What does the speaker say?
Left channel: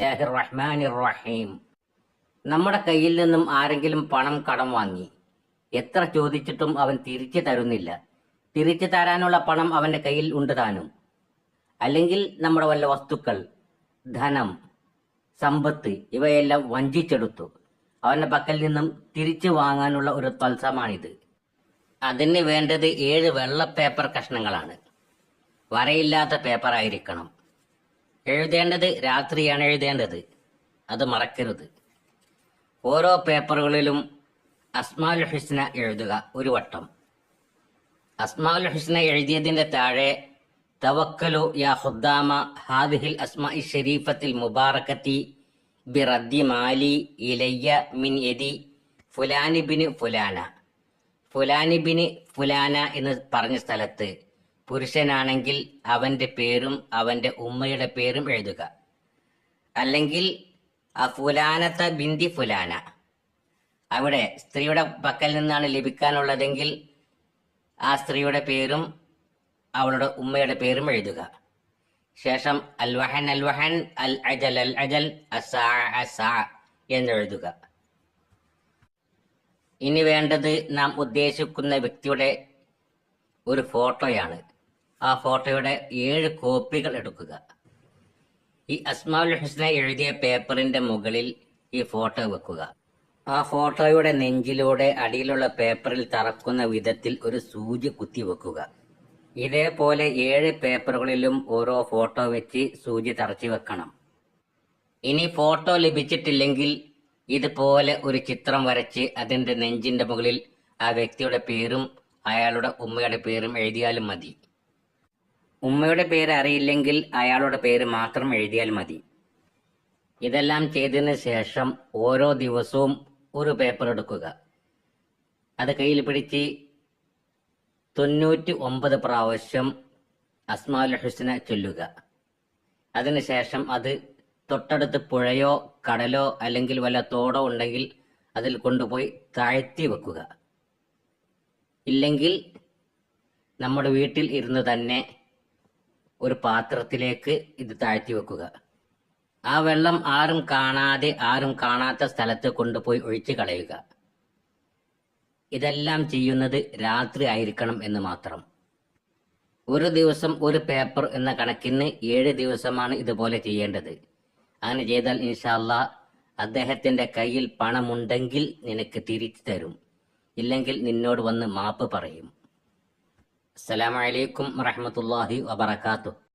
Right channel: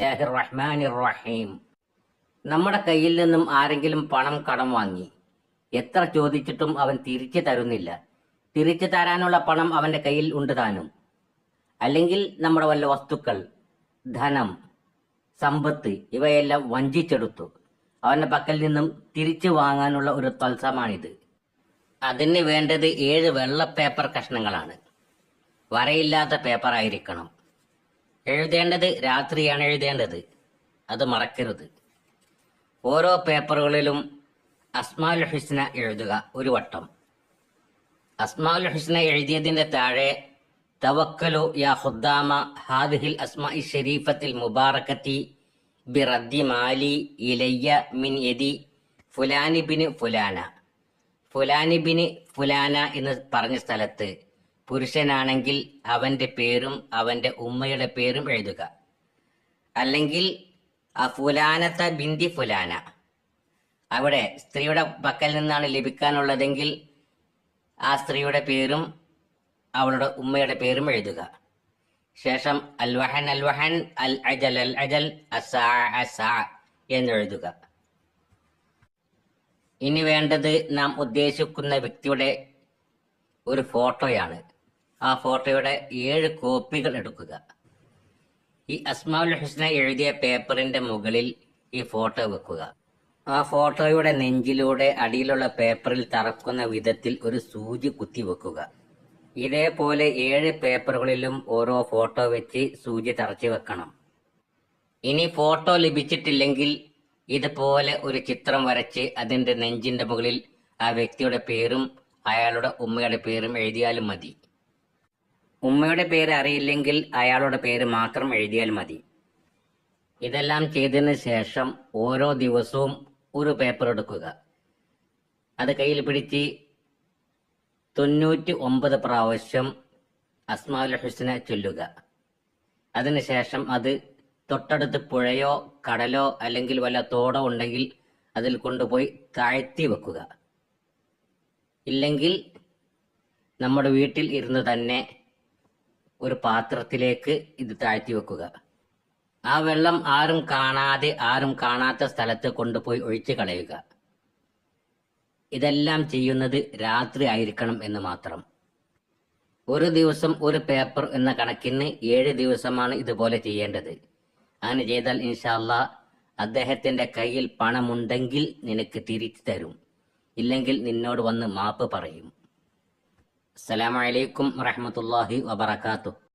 റഹീം. നമ്മുടെ കയ്യിൽ നിന്നും ആരെങ്കിലും പണം കടം വാങ്ങി എത്ര ചോദിച്ചിട്ടും അവൻ തിരിച്ചു തരുന്നില്ല. തിരിച്ചു തരാനുള്ള പണം അവന്റെ കയ്യിൽ ഉണ്ട് താനും. അല്ലെങ്കിൽ നമ്മുടെ വല്ല വസ്തുക്കൾ, ധനം, സമ്പത്ത് ഇവയെല്ലാം വഞ്ചിച്ചെടുത്തു അവന്റെ പക്കൽ നിന്നും തിരിച്ചു വാങ്ങാനുള്ള ഒരു തത്സമാണിത്. അതിന് വേണ്ടത് 7 വെള്ള പേപ്പർ കഷ്ണങ്ങളാണ്. വരയില്ലാത്ത പേപ്പർ ആയിരിക്കണം. എഴുതേണ്ടത് രാത്രിയാണ് എഴുതേണ്ടത്, അത് മറക്കരുത്. ഓരോ പേപ്പറുകളിലും അസ്മാഉൽ ഹുസ്ന എഴുതുക ഒരു വട്ടം. അസ്മാഉൽ ഹുസ്ന എഴുതിയതിന്റെ താഴെ തവക്കലു യാ ഖുദ്ദാമ ഹാദിഹിൽ അസ്മാഇ ശരീഫത്തിൽ മുബാറകത്തി ബിറദ്ദി മാലി ഇലയ്യ മിൻ യദി ഫുലാനി ബിന് ഫുലാന. ഫുലാനി ബിന് ഫുലാന എന്ന് പറഞ്ഞ സ്ഥലത്ത് പുരുഷനാണെങ്കിൽ അവന്റെ പേരും അവന്റെ ഉമ്മയുടെ പേരും എഴുതുക. അല്ലെങ്കിൽ ഫുലാനത്ത ബിന്തി ഫുലാന. അവിടെ സ്ത്രീയുടെ പക്കൽ നിന്നാണ് ലഭിക്കാനുള്ളതെങ്കിൽ ആ സ്ത്രീയുടെ പേരും അവളുടെ ഉമ്മയുടെ പേരും എഴുതുക. ശേഷം അൽ വഹൻ അൽ വഹൻ, അൽ അജൽ അൽ അജൽ, അസാ അസാ എന്നെഴുതുക. ഇനി വേണ്ടത് നാം ഉദ്ദേശിക്കുന്ന വ്യക്തിയുടെ ഒരു ഫോട്ടോയാണ്. ആ ഫോട്ടോയുടെ 7 കോപ്പികൾ എടുക്കുക. ഈ അസ്മാഉൽ ഹുസ്ന എഴുതിയ പേപ്പറിന്റെ മുകളിൽ ഈ ഫോട്ടോ വെക്കുക. ആ ഫോട്ടോയുടെ നെഞ്ചിലൂടെ അടിയിലുള്ള പേപ്പറിൽ തറക്കുന്ന വിധത്തിൽ ഒരു സൂചി കുത്തിവെക്കുക. ഇതേപോലെ 7 പേപ്പറുകളിലും ഓരോ ഫോട്ടോ വെച്ച് സൂചി തറച്ചു വെക്കണം. ഇനി ഫോട്ടോ ലഭിച്ചിട്ടില്ലെങ്കിൽ ഇതുപോലെ ഒരു ചിത്രം വരച്ച് അതിന്റെ നെഞ്ചിന്റെ മുകളിൽ ആ വ്യക്തിയുടെ പേരും അയാളുടെ ഉമ്മയുടെ പേരും എഴുതിയാലും മതി. ഉമ്മയുടെ പേര് അറിയില്ലെങ്കിൽ അയാളുടെ പേര് മാത്രം എഴുതിയാൽ മതി. ഇതെല്ലാം ചെയ്തതിന് ശേഷം ഓരോ ദിവസവും ഒരു പേപ്പർ എടുക്കുക. അത് കയ്യിൽ പിടിച്ച് 99 പ്രാവശ്യം അസ്മാഉൽ ഹുസ്ന ചൊല്ലുക. അതിനുശേഷം അത് തൊട്ടടുത്ത് പുഴയോ കടലോ അല്ലെങ്കിൽ വല്ല തോടോ ഉണ്ടെങ്കിൽ അതിൽ കൊണ്ടുപോയി താഴ്ത്തി വെക്കുക. ഇല്ലെങ്കിൽ നമ്മുടെ വീട്ടിൽ ഇരുന്ന് തന്നെ ഒരു പാത്രത്തിലേക്ക് ഇത് താഴ്ത്തി വെക്കുക. ആ വെള്ളം ആരും കാണാത്ത സ്ഥലത്ത് കൊണ്ടുപോയി ഒഴിച്ചു കളയുക. ഇതെല്ലാം ചെയ്യുന്നത് രാത്രി ആയിരിക്കണം എന്ന് മാത്രം. ഒരു ദിവസം ഒരു പേപ്പർ എന്ന കണക്കിന് 7 ദിവസമാണ് ഇതുപോലെ ചെയ്യേണ്ടത്. അങ്ങനെ ചെയ്താൽ ഇൻഷാ അല്ലാഹ് അദ്ദേഹത്തിന്റെ കയ്യിൽ പണമുണ്ടെങ്കിൽ നിനക്ക് തിരിച്ചു തരും, ഇല്ലെങ്കിൽ നിന്നോട് വന്ന് മാപ്പ് പറയും. അസ്സലാമു അലൈക്കും വറഹ്മത്തുള്ളാഹി വബറകാതുഹു.